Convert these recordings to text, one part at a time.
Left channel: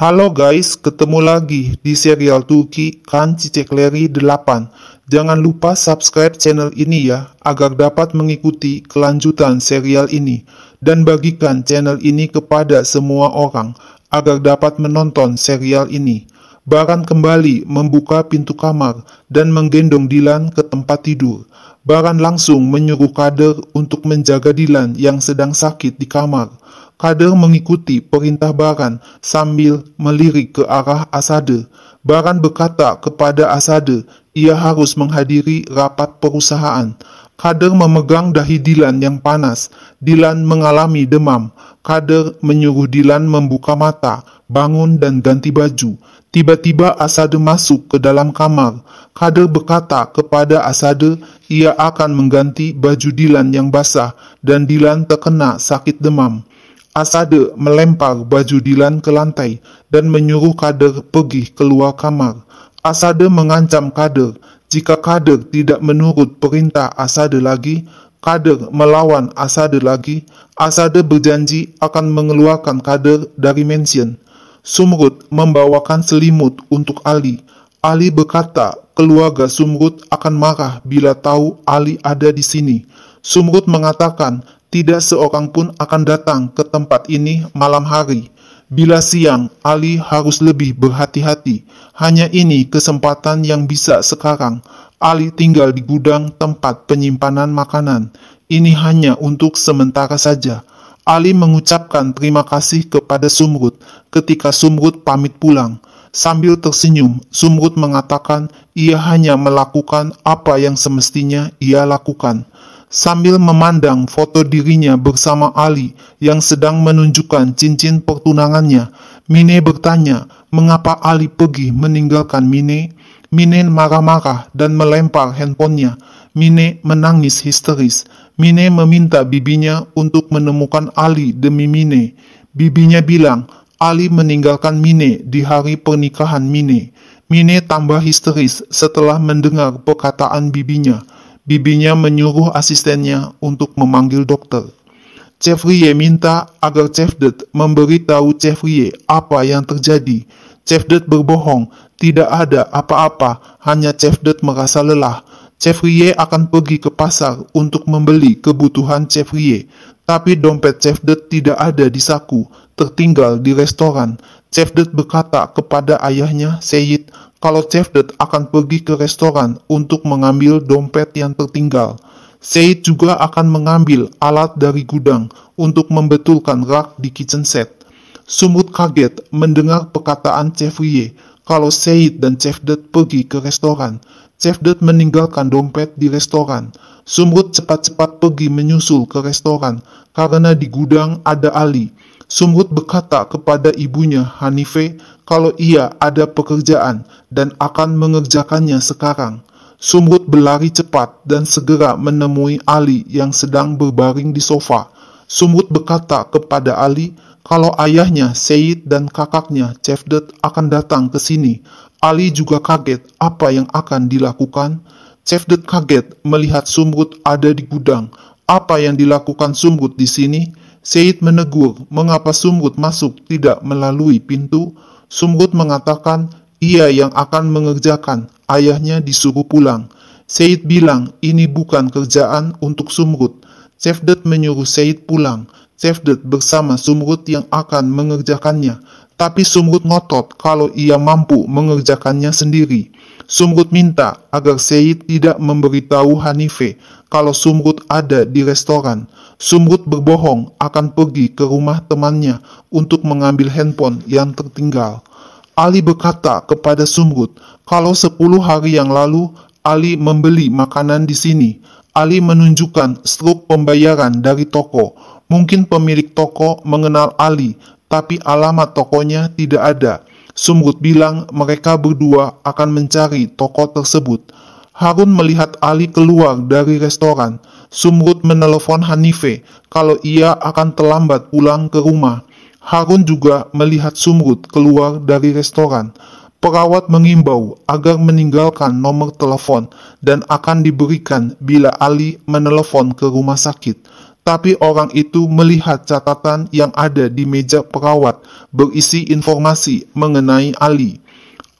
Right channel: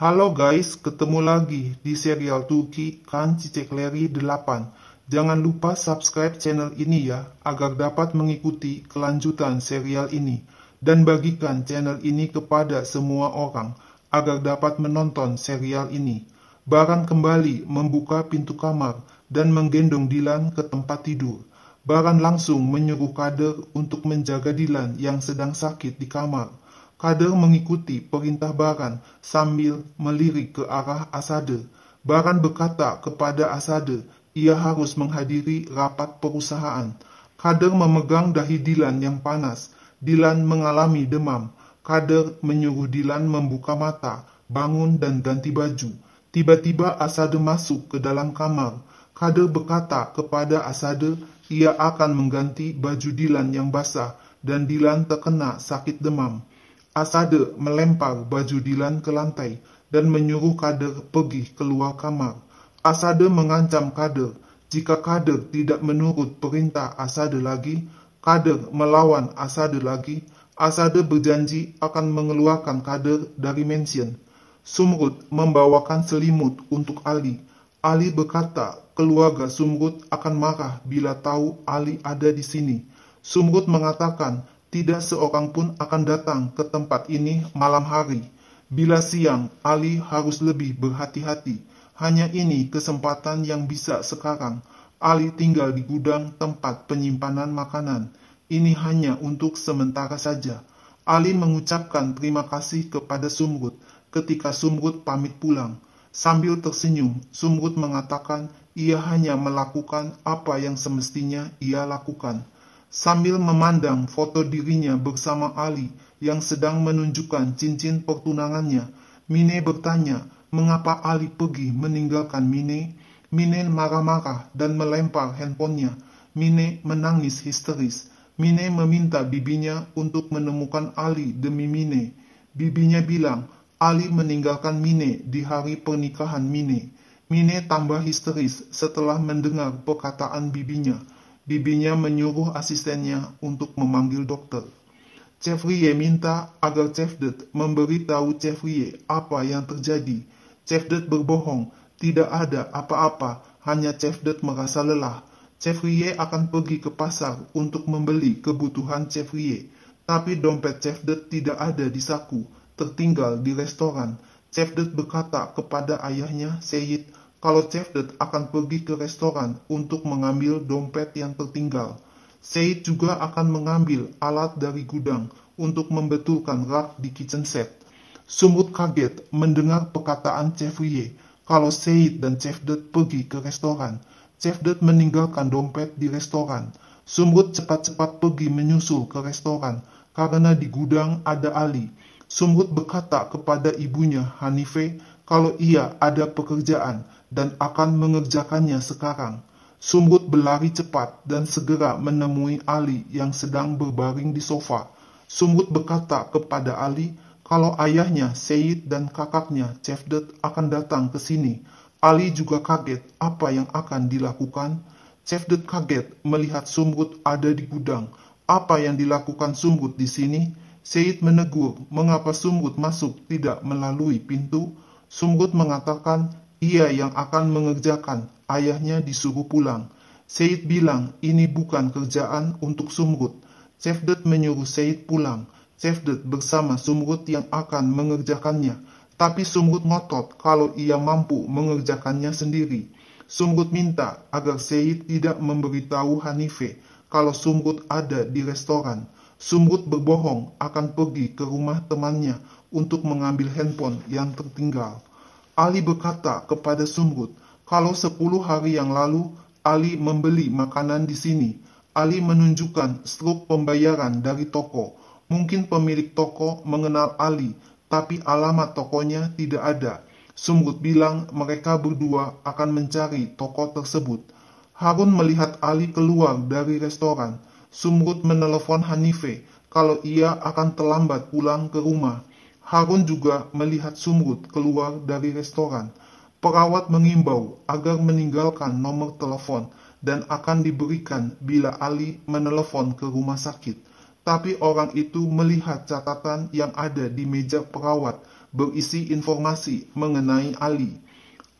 Halo guys, ketemu lagi di serial Turki Kan Çiçekleri 8. Jangan lupa subscribe channel ini ya, agar dapat mengikuti kelanjutan serial ini. Dan bagikan channel ini kepada semua orang, agar dapat menonton serial ini. Baran kembali membuka pintu kamar dan menggendong Dilan ke tempat tidur. Baran langsung menyuruh Kader untuk menjaga Dilan yang sedang sakit di kamar. Kader mengikuti perintah Baran sambil melirik ke arah Asade. Baran berkata kepada Asade, ia harus menghadiri rapat perusahaan. Kader memegang dahi Dilan yang panas. Dilan mengalami demam. Kader menyuruh Dilan membuka mata, bangun dan ganti baju. Tiba-tiba Asade masuk ke dalam kamar. Kader berkata kepada Asade, ia akan mengganti baju Dilan yang basah dan Dilan terkena sakit demam. Asade melempar baju Dilan ke lantai dan menyuruh Kader pergi keluar kamar. Asade mengancam Kader, jika Kader tidak menurut perintah Asade lagi, Kader melawan Asade lagi. Asade berjanji akan mengeluarkan Kader dari mansion. Sumrud membawakan selimut untuk Ali. Ali berkata, keluarga Sumrud akan marah bila tahu Ali ada di sini. Sumrud mengatakan, tidak seorang pun akan datang ke tempat ini malam hari. Bila siang, Ali harus lebih berhati-hati. Hanya ini kesempatan yang bisa sekarang. Ali tinggal di gudang tempat penyimpanan makanan. Ini hanya untuk sementara saja. Ali mengucapkan terima kasih kepada Sumrud ketika Sumrud pamit pulang. Sambil tersenyum, Sumrud mengatakan ia hanya melakukan apa yang semestinya ia lakukan. Sambil memandang foto dirinya bersama Ali yang sedang menunjukkan cincin pertunangannya, Mine bertanya mengapa Ali pergi meninggalkan Mine. Mine marah-marah dan melempar handphonenya. Mine menangis histeris. Mine meminta bibinya untuk menemukan Ali demi Mine. Bibinya bilang Ali meninggalkan Mine di hari pernikahan Mine. Mine tambah histeris setelah mendengar perkataan bibinya. Bibinya menyuruh asistennya untuk memanggil dokter. Cevriye minta agar Cevdet memberitahu Cevriye apa yang terjadi. Cevdet berbohong, tidak ada apa-apa, hanya Cevdet merasa lelah. Cevriye akan pergi ke pasar untuk membeli kebutuhan Cevriye, tapi dompet Cevdet tidak ada di saku, tertinggal di restoran. Cevdet berkata kepada ayahnya, Seyit, kalau Cevdet akan pergi ke restoran untuk mengambil dompet yang tertinggal. Seyit juga akan mengambil alat dari gudang untuk membetulkan rak di kitchen set. Sumrud kaget mendengar perkataan Cevriye kalau Seyit dan Cevdet pergi ke restoran. Cevdet meninggalkan dompet di restoran. Sumrud cepat-cepat pergi menyusul ke restoran karena di gudang ada Ali. Sumrud berkata kepada ibunya Hanife kalau ia ada pekerjaan dan akan mengerjakannya sekarang. Sumrud berlari cepat dan segera menemui Ali yang sedang berbaring di sofa. Sumrud berkata kepada Ali kalau ayahnya Seyit dan kakaknya Cevdet akan datang ke sini. Ali juga kaget apa yang akan dilakukan. Cevdet kaget melihat Sumrud ada di gudang. Apa yang dilakukan Sumrud di sini? Seyit menegur mengapa Sumrud masuk tidak melalui pintu. Sumrud mengatakan ia yang akan mengerjakan, ayahnya disuruh pulang. Seyit bilang ini bukan kerjaan untuk Sumrud. Cevdet menyuruh Seyit pulang. Cevdet bersama Sumrud yang akan mengerjakannya. Tapi Sumrud ngotot kalau ia mampu mengerjakannya sendiri. Sumrud minta agar Seyit tidak memberitahu Hanife kalau Sumrud ada di restoran. Sumrud berbohong akan pergi ke rumah temannya untuk mengambil handphone yang tertinggal. Ali berkata kepada Sumrud, kalau 10 hari yang lalu Ali membeli makanan di sini. Ali menunjukkan struk pembayaran dari toko. Mungkin pemilik toko mengenal Ali, tapi alamat tokonya tidak ada. Sumrud bilang mereka berdua akan mencari toko tersebut. Harun melihat Ali keluar dari restoran. Sumrud menelepon Hanife kalau ia akan terlambat pulang ke rumah. Harun juga melihat Sumrud keluar dari restoran. Perawat mengimbau agar meninggalkan nomor telepon dan akan diberikan bila Ali menelepon ke rumah sakit. Tapi orang itu melihat catatan yang ada di meja perawat berisi informasi mengenai Ali.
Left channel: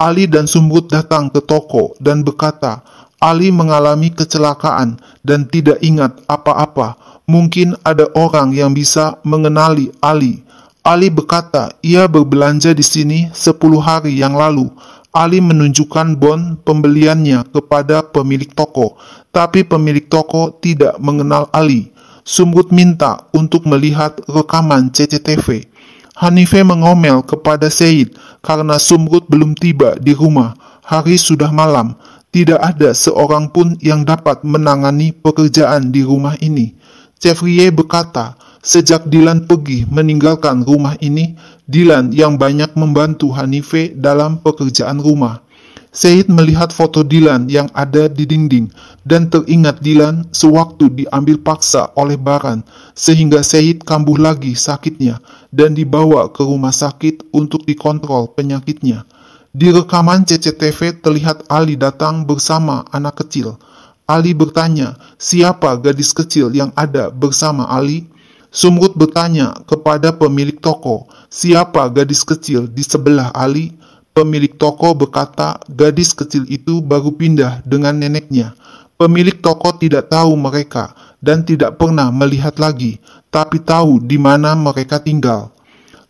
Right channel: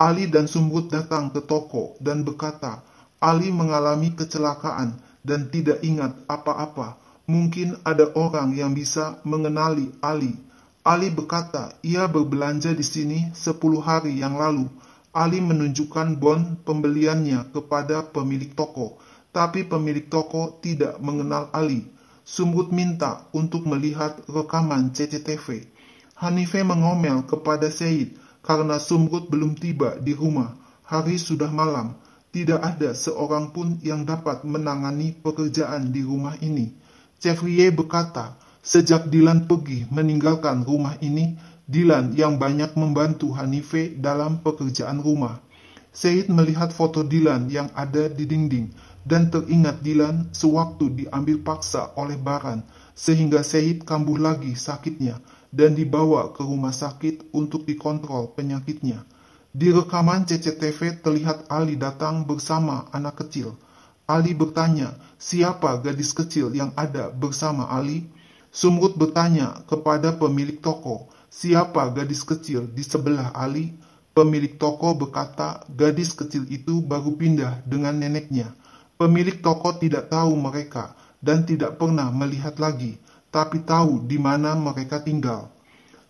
Ali dan Sumrud datang ke toko dan berkata, Ali mengalami kecelakaan dan tidak ingat apa-apa. Mungkin ada orang yang bisa mengenali Ali. Ali berkata, ia berbelanja di sini 10 hari yang lalu. Ali menunjukkan bon pembeliannya kepada pemilik toko, tapi pemilik toko tidak mengenal Ali. Sumrud minta untuk melihat rekaman CCTV. Hanife mengomel kepada Syed karena Sumrud belum tiba di rumah. Hari sudah malam. Tidak ada seorang pun yang dapat menangani pekerjaan di rumah ini. Chevrier berkata, sejak Dylan pergi meninggalkan rumah ini, Dylan yang banyak membantu Hanife dalam pekerjaan rumah. Syed melihat foto Dylan yang ada di dinding dan teringat Dylan sewaktu diambil paksa oleh Baran, sehingga Syed kambuh lagi sakitnya dan dibawa ke rumah sakit untuk dikontrol penyakitnya. Di rekaman CCTV terlihat Ali datang bersama anak kecil. Ali bertanya, siapa gadis kecil yang ada bersama Ali? Sumrud bertanya kepada pemilik toko, siapa gadis kecil di sebelah Ali? Pemilik toko berkata, gadis kecil itu baru pindah dengan neneknya. Pemilik toko tidak tahu mereka dan tidak pernah melihat lagi, tapi tahu di mana mereka tinggal.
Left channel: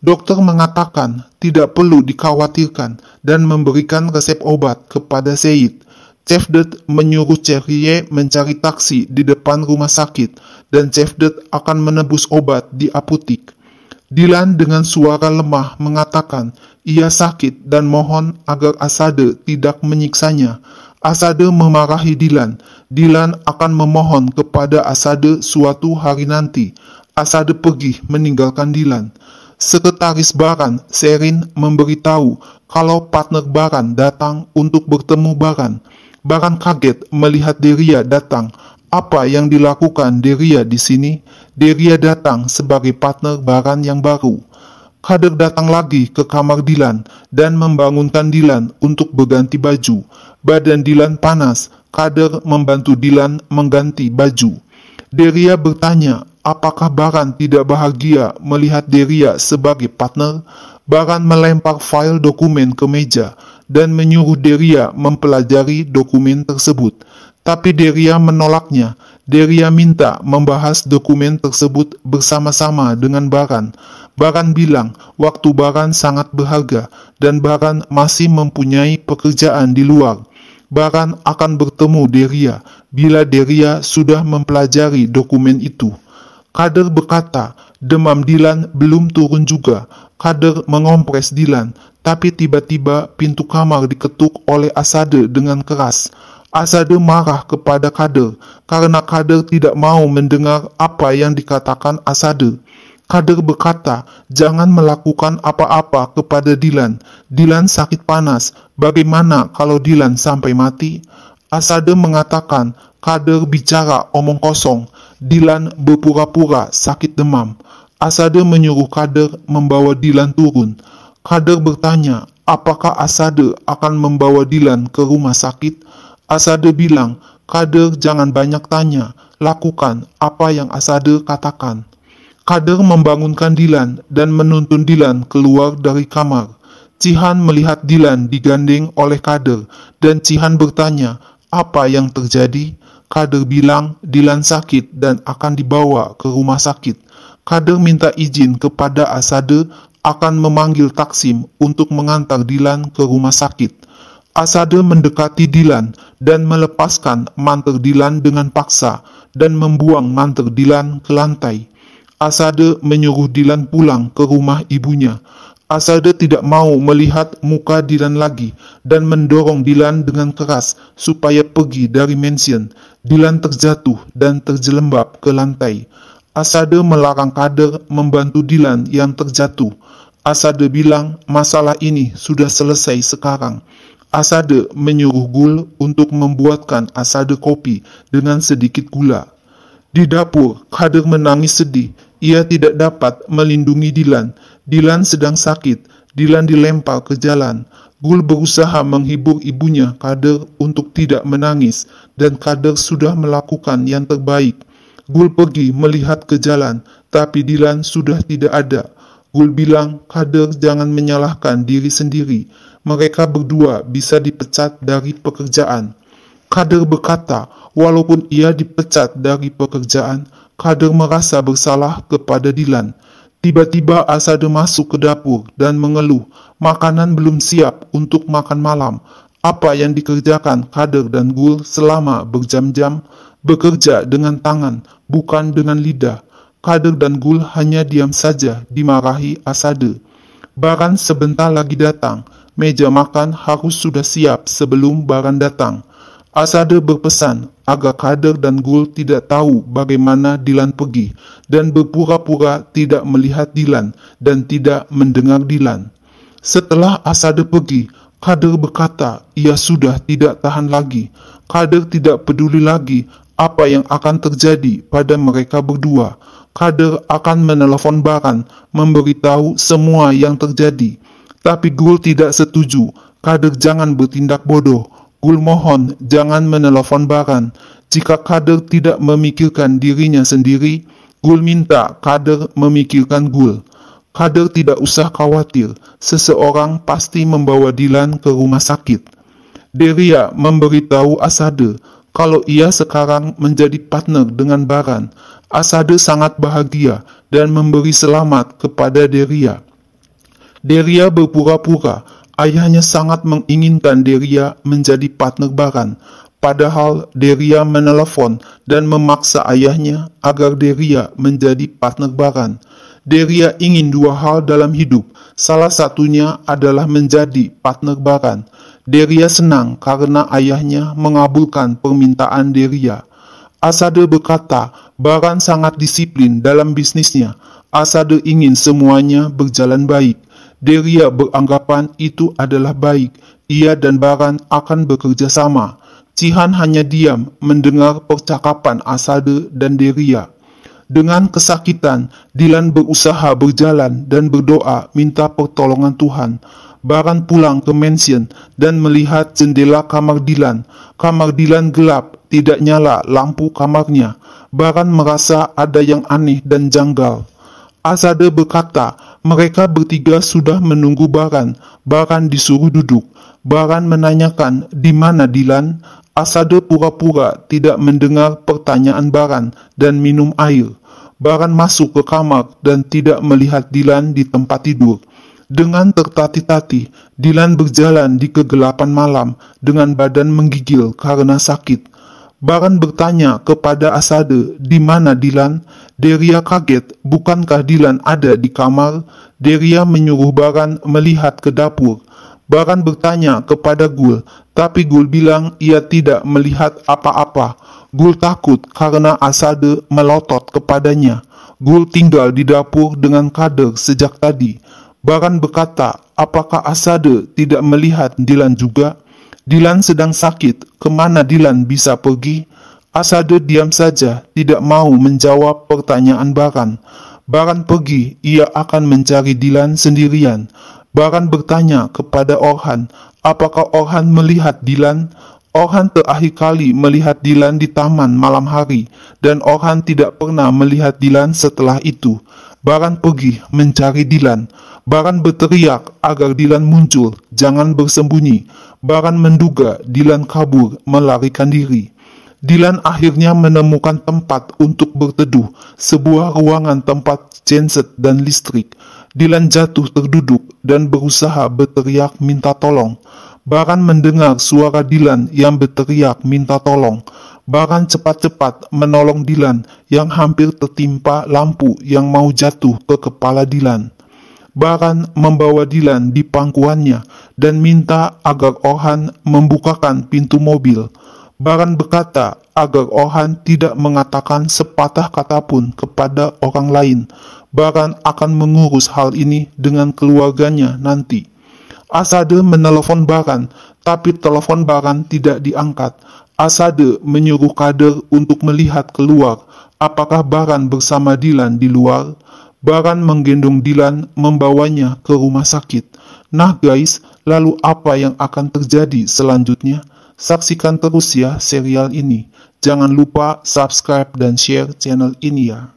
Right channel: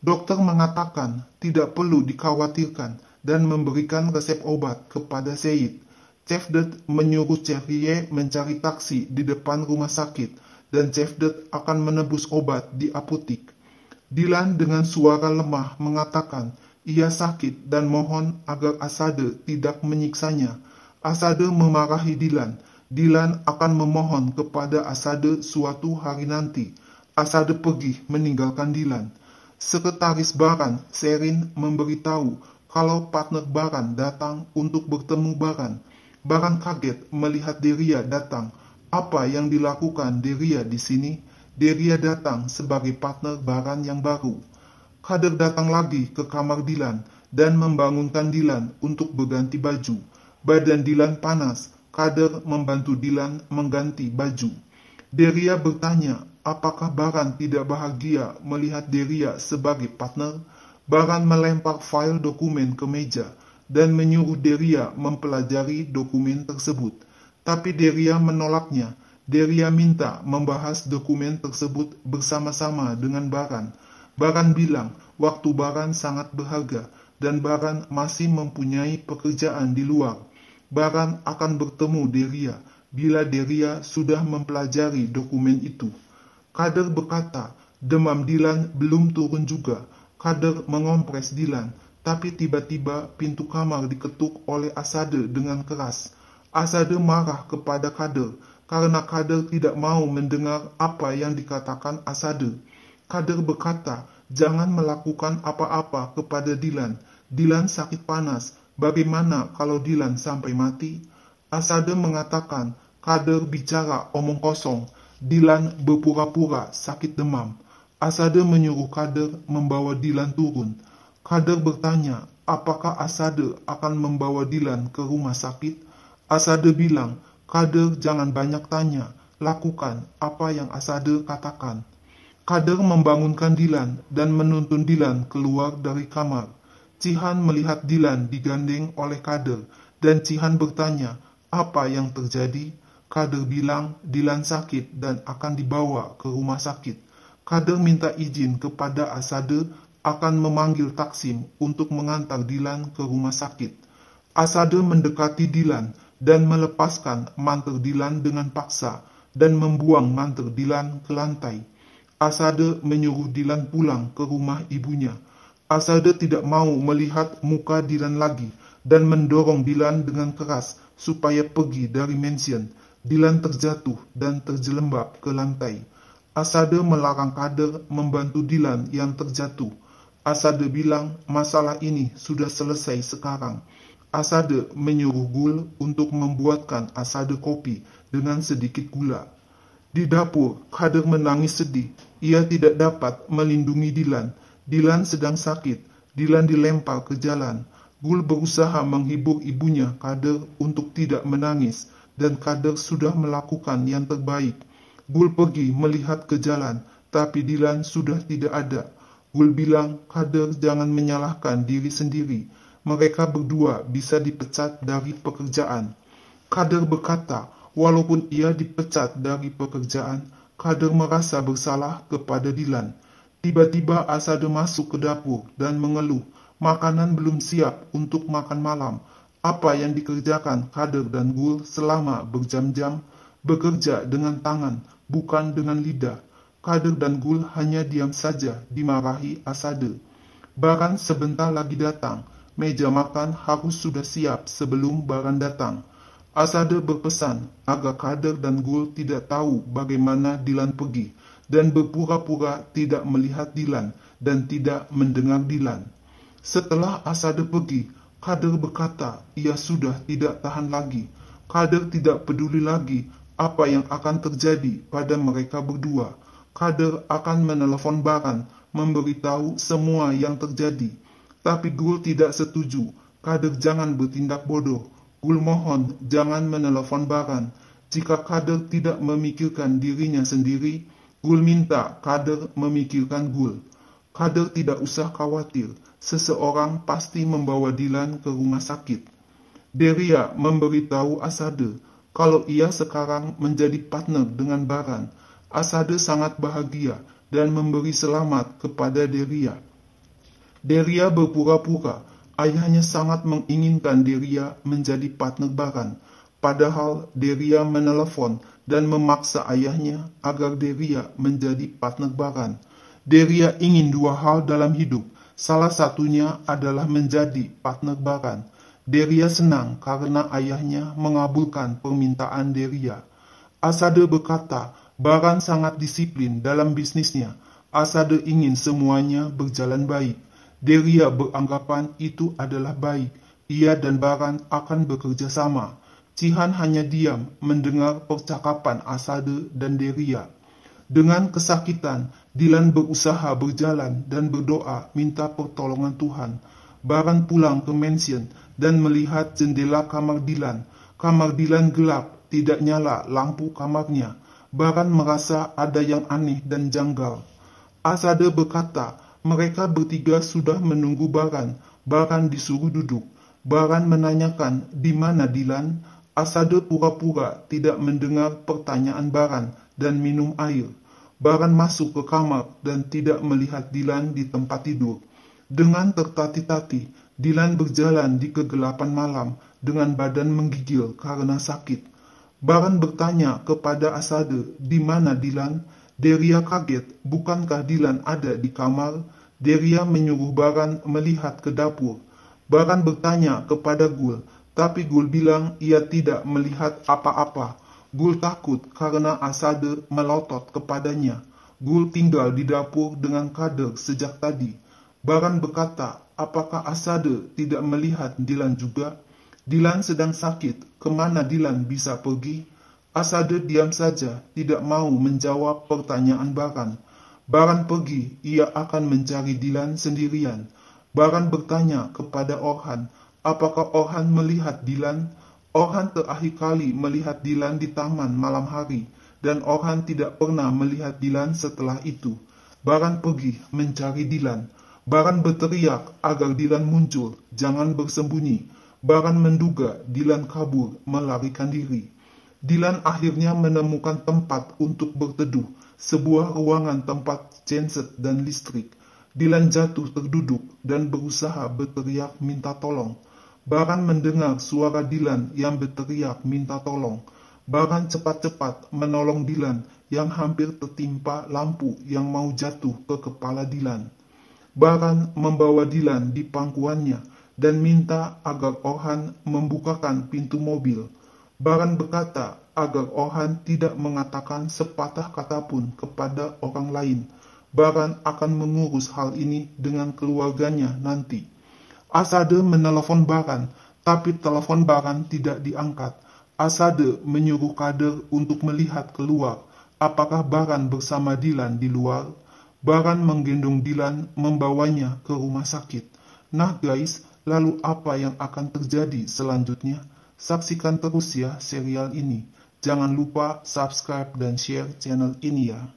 Dokter mengatakan tidak perlu dikhawatirkan dan memberikan resep obat kepada Syed. Cevdet menyuruh Chevrier mencari taksi di depan rumah sakit dan Cevdet akan menebus obat di apotik. Dylan dengan suara lemah mengatakan ia sakit dan mohon agar Asade tidak menyiksanya. Asade memarahi Dylan. Dylan akan memohon kepada Asade suatu hari nanti. Asade pergi meninggalkan Dylan. Sekretaris Baran, Sherin, memberitahu kalau partner Baran datang untuk bertemu Baran. Baran kaget melihat Deria datang. Apa yang dilakukan Deria di sini? Deria datang sebagai partner Baran yang baru. Kader datang lagi ke kamar Dylan dan membangunkan Dylan untuk berganti baju. Badan Dylan panas. Kader membantu Dylan mengganti baju. Deria bertanya, apakah Baran tidak bahagia melihat Deria sebagai partner? Baran melempar file dokumen ke meja dan menyuruh Deria mempelajari dokumen tersebut. Tapi Deria menolaknya. Deria minta membahas dokumen tersebut bersama-sama dengan Baran. Baran bilang waktu Baran sangat berharga dan Baran masih mempunyai pekerjaan di luar. Baran akan bertemu Deria bila Deria sudah mempelajari dokumen itu. Kader berkata, demam Dylan belum turun juga. Kader mengompres Dylan, tapi tiba-tiba pintu kamar diketuk oleh Asade dengan keras. Asade marah kepada Kader karena Kader tidak mau mendengar apa yang dikatakan Asade. Kader berkata, jangan melakukan apa-apa kepada Dylan. Dylan sakit panas. Bagaimana kalau Dylan sampai mati? Asade mengatakan, Kader bicara omong kosong. Dylan berpura-pura sakit demam. Asade menyuruh Kader membawa Dylan turun. Kader bertanya, apakah Asade akan membawa Dylan ke rumah sakit? Asade bilang, Kader jangan banyak tanya. Lakukan apa yang Asade katakan. Kader membangunkan Dylan dan menuntun Dylan keluar dari kamar. Cihan melihat Dylan digandeng oleh Kader dan Cihan bertanya, apa yang terjadi? Kader bilang Dylan sakit dan akan dibawa ke rumah sakit. Kader minta izin kepada Asade akan memanggil Taksim untuk mengantar Dylan ke rumah sakit. Asade mendekati Dylan dan melepaskan mantel Dylan dengan paksa dan membuang mantel Dylan ke lantai. Asade menyuruh Dylan pulang ke rumah ibunya. Asade tidak mau melihat muka Dylan lagi dan mendorong Dylan dengan keras supaya pergi dari mansion. Dylan terjatuh dan terjelembab ke lantai. Asade melarang Kader membantu Dylan yang terjatuh. Asade bilang masalah ini sudah selesai sekarang. Asade menyuruh Gul untuk membuatkan Asade kopi dengan sedikit gula. Di dapur, Kader menangis sedih. Ia tidak dapat melindungi Dylan. Dylan sedang sakit. Dylan dilempar ke jalan. Gul berusaha menghibur ibunya Kader untuk tidak menangis dan Kader sudah melakukan yang terbaik. Gul pergi melihat ke jalan, tapi Dilan sudah tidak ada. Gul bilang, Kader jangan menyalahkan diri sendiri. Mereka berdua bisa dipecat dari pekerjaan. Kader berkata, walaupun ia dipecat dari pekerjaan, Kader merasa bersalah kepada Dilan. Tiba-tiba Asade masuk ke dapur dan mengeluh, makanan belum siap untuk makan malam. Apa yang dikerjakan Kader dan Gul selama berjam-jam, bekerja dengan tangan, bukan dengan lidah. Kader dan Gul hanya diam saja dimarahi Asade. Baran sebentar lagi datang, meja makan harus sudah siap sebelum Baran datang. Asade berpesan agar Kader dan Gul tidak tahu bagaimana Dilan pergi dan berpura-pura tidak melihat Dilan dan tidak mendengar Dilan. Setelah Asade pergi, Kader berkata ia sudah tidak tahan lagi. Kader tidak peduli lagi apa yang akan terjadi pada mereka berdua. Kader akan menelepon Baran, memberitahu semua yang terjadi. Tapi Gul tidak setuju. Kader jangan bertindak bodoh. Gul mohon jangan menelepon Baran. Jika Kader tidak memikirkan dirinya sendiri, Gul minta Kader memikirkan Gul. Kader tidak usah khawatir, seseorang pasti membawa Dilan ke rumah sakit. Deria memberitahu Asade kalau ia sekarang menjadi partner dengan Baran. Asade sangat bahagia dan memberi selamat kepada Deria. Deria berpura-pura, ayahnya sangat menginginkan Deria menjadi partner Baran. Padahal Deria menelepon dan memaksa ayahnya agar Deria menjadi partner Baran. Deria ingin dua hal dalam hidup, salah satunya adalah menjadi partner Baran. Deria senang karena ayahnya mengabulkan permintaan Deria. Asade berkata, Baran sangat disiplin dalam bisnisnya. Asade ingin semuanya berjalan baik. Deria beranggapan itu adalah baik. Ia dan Baran akan bekerja sama. Cihan hanya diam mendengar percakapan Asade dan Deria. Dengan kesakitan, Dilan berusaha berjalan dan berdoa minta pertolongan Tuhan. Baran pulang ke mansion dan melihat jendela kamar Dilan. Kamar Dilan gelap, tidak nyala lampu kamarnya. Baran merasa ada yang aneh dan janggal. Asade berkata, mereka bertiga sudah menunggu Baran. Baran disuruh duduk. Baran menanyakan di mana Dilan. Asade pura-pura tidak mendengar pertanyaan Baran dan minum air. Baran masuk ke kamar dan tidak melihat Dilan di tempat tidur. Dengan tertati-tati, Dilan berjalan di kegelapan malam dengan badan menggigil karena sakit. Baran bertanya kepada Asade, di mana Dilan? Deria kaget, bukankah Dilan ada di kamar? Deria menyuruh Baran melihat ke dapur. Baran bertanya kepada Gul, tapi Gul bilang ia tidak melihat apa-apa. Gul takut karena Asade melotot kepadanya. Gul tinggal di dapur dengan Kader sejak tadi. Baran berkata, apakah Asade tidak melihat Dilan juga? Dilan sedang sakit, kemana Dilan bisa pergi? Asade diam saja, tidak mau menjawab pertanyaan Baran. Baran pergi, ia akan mencari Dilan sendirian. Baran bertanya kepada Orhan, apakah Orhan melihat Dilan? Orhan terakhir kali melihat Dilan di taman malam hari, dan Orhan tidak pernah melihat Dilan setelah itu. Baran pergi mencari Dilan. Baran berteriak agar Dilan muncul, jangan bersembunyi. Baran menduga Dilan kabur, melarikan diri. Dilan akhirnya menemukan tempat untuk berteduh, sebuah ruangan tempat genset dan listrik. Dilan jatuh terduduk dan berusaha berteriak minta tolong. Baran mendengar suara Dilan yang berteriak minta tolong. Baran cepat-cepat menolong Dilan yang hampir tertimpa lampu yang mau jatuh ke kepala Dilan. Baran membawa Dilan di pangkuannya dan minta agar Orhan membukakan pintu mobil. Baran berkata agar Orhan tidak mengatakan sepatah kata pun kepada orang lain. Baran akan mengurus hal ini dengan keluarganya nanti. Asade menelepon Baran, tapi telepon Baran tidak diangkat. Asade menyuruh Kader untuk melihat keluar, apakah Baran bersama Dilan di luar. Baran menggendong Dilan, membawanya ke rumah sakit. Nah guys, lalu apa yang akan terjadi selanjutnya? Saksikan terus ya serial ini. Jangan lupa subscribe dan share channel ini ya.